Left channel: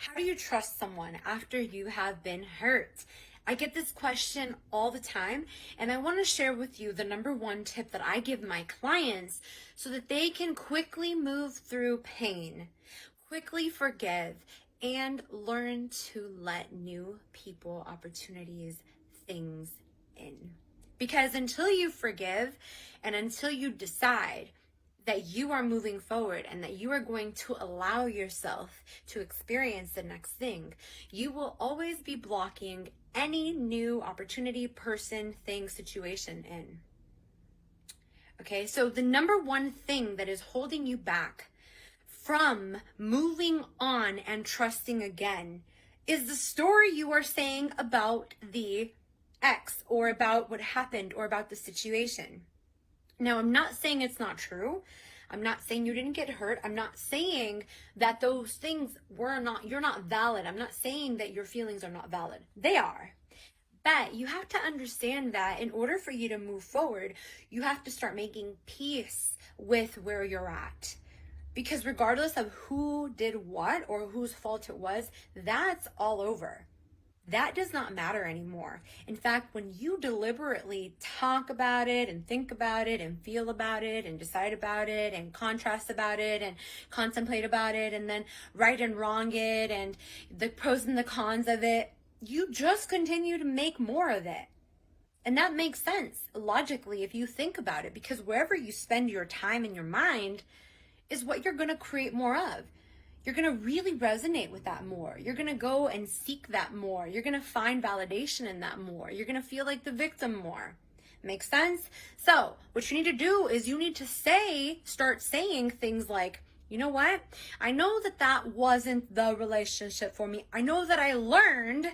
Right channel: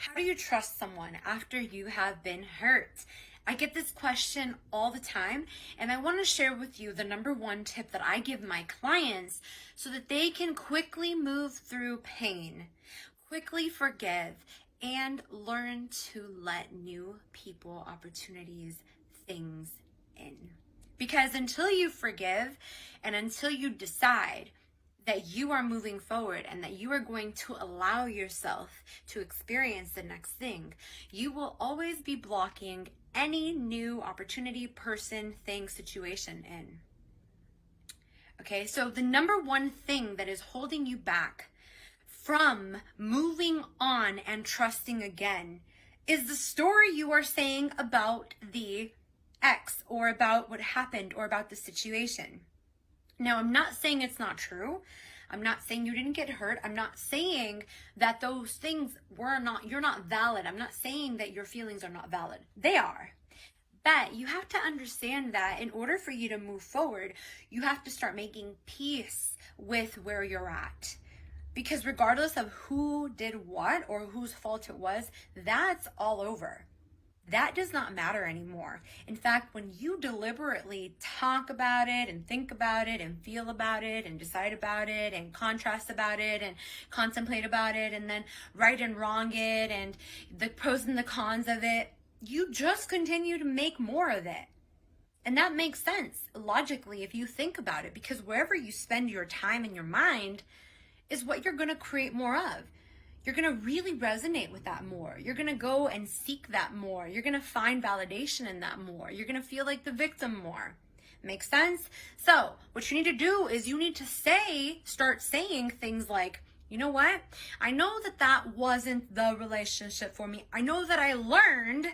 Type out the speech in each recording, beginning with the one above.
How do you trust someone after you have been hurt? I get this question all the time, and I want to share with you the number one tip that I give my clients so that they can quickly move through pain, quickly forgive, and learn to let new people, opportunities, things in. Because until you forgive and until you decide that you are moving forward and that you are going to allow yourself to experience the next thing, you will always be blocking any new opportunity, person, thing, situation in. Okay, so the number one thing that is holding you back from moving on and trusting again is the story you are saying about the ex or about what happened or about the situation. Now, I'm not saying it's not true. I'm not saying you didn't get hurt. I'm not saying that those things you're not valid. I'm not saying that your feelings are not valid. They are. But you have to understand that in order for you to move forward, you have to start making peace with where you're at. Because regardless of who did what or whose fault it was, that's all over. That does not matter anymore. In fact, when you deliberately talk about it and think about it and feel about it and decide about it and contrast about it and contemplate about it and then right and wrong it and the pros and the cons of it, you just continue to make more of it. And that makes sense logically if you think about it, because wherever you spend your time and your mind is what you're going to create more of. You're going to really resonate with that more. You're going to go and seek that more. You're going to find validation in that more. You're going to feel like the victim more. Makes sense? So what you need to do is you need to start saying things like, you know what? I know that wasn't the relationship for me. I know that I learned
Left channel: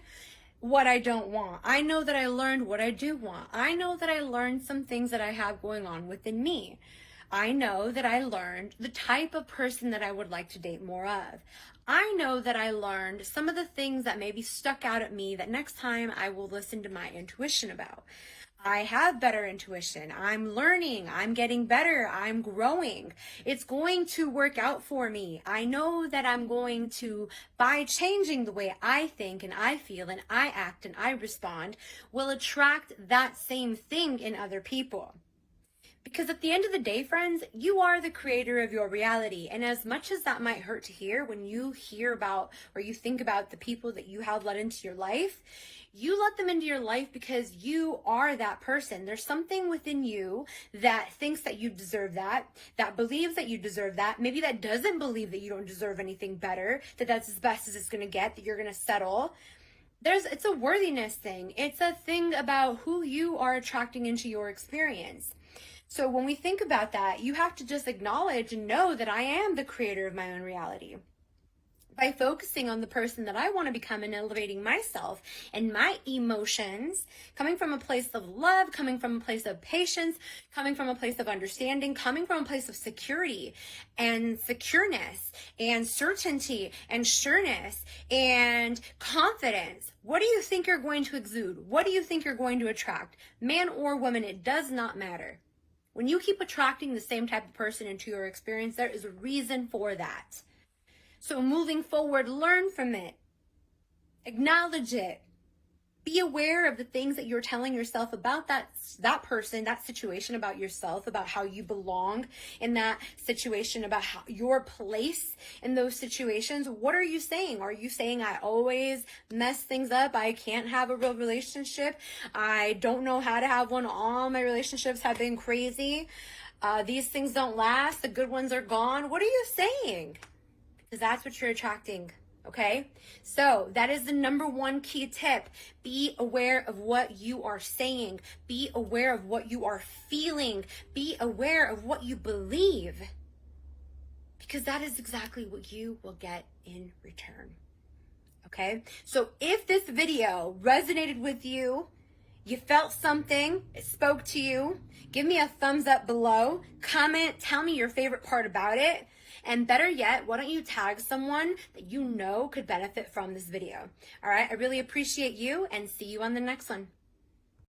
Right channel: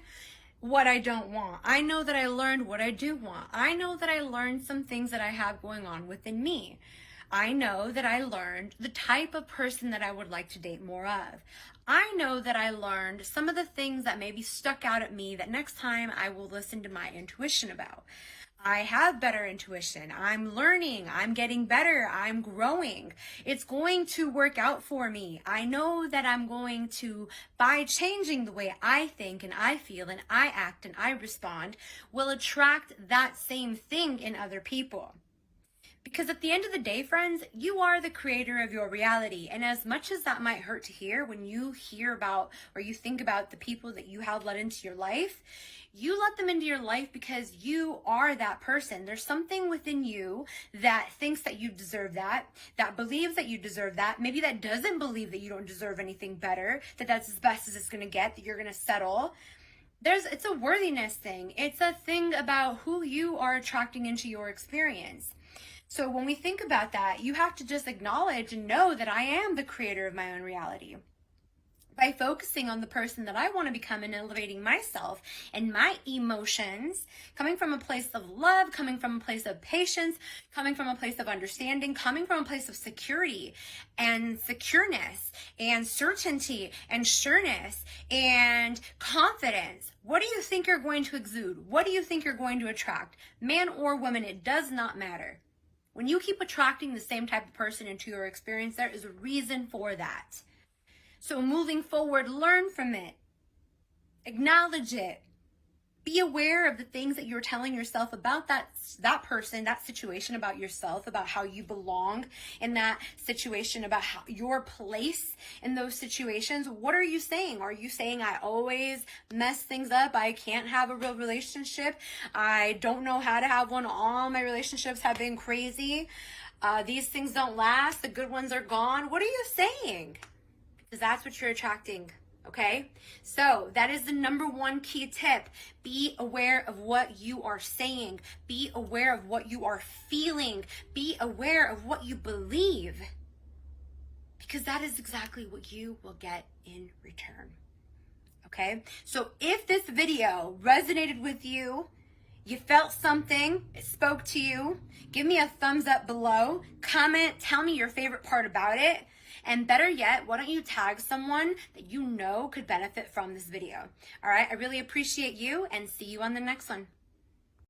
what I don't want. I know that I learned what I do want. I know that I learned some things that I have going on within me. I know that I learned the type of person that I would like to date more of. I know that I learned some of the things that maybe stuck out at me that next time I will listen to my intuition about. I have better intuition. I'm learning. I'm getting better. I'm growing. It's going to work out for me. I know that I'm going to, by changing the way I think and I feel and I act and I respond, will attract that same thing in other people. Because at the end of the day, friends, you are the creator of your reality. And as much as that might hurt to hear when you hear about or you think about the people that you have let into your life, you let them into your life because you are that person. There's something within you that thinks that you deserve that believes that you deserve that, maybe that doesn't believe that you don't deserve anything better, that that's as best as it's going to get, that you're going to settle. It's a worthiness thing. It's a thing about who you are attracting into your experience. So when we think about that, you have to just acknowledge and know that I am the creator of my own reality. By focusing on the person that I want to become and elevating myself and my emotions, coming from a place of love, coming from a place of patience, coming from a place of understanding, coming from a place of security and secureness and certainty and sureness and confidence. What do you think you're going to exude? What do you think you're going to attract? Man or woman, it does not matter. When you keep attracting the same type of person into your experience, there is a reason for that. So moving forward, learn from it. Acknowledge it. Be aware of the things that you're telling yourself about that person, that situation, about yourself, about how you belong in that situation, about how your place in those situations. What are you saying? Are you saying, I always mess things up? I can't have a real relationship. I don't know how to have one. All my relationships have been crazy. These things don't last. The good ones are gone. What are you saying? Because that's what you're attracting. Okay, so that is the number one key tip. Be aware of what you are saying. Be aware of what you are feeling. Be aware of what you believe. Because that is exactly what you will get in return. Okay, so if this video resonated with you, you felt something, it spoke to you, give me a thumbs up below, comment, tell me your favorite part about it. And better yet, why don't you tag someone that you know could benefit from this video? All right, I really appreciate you and see you on the next one.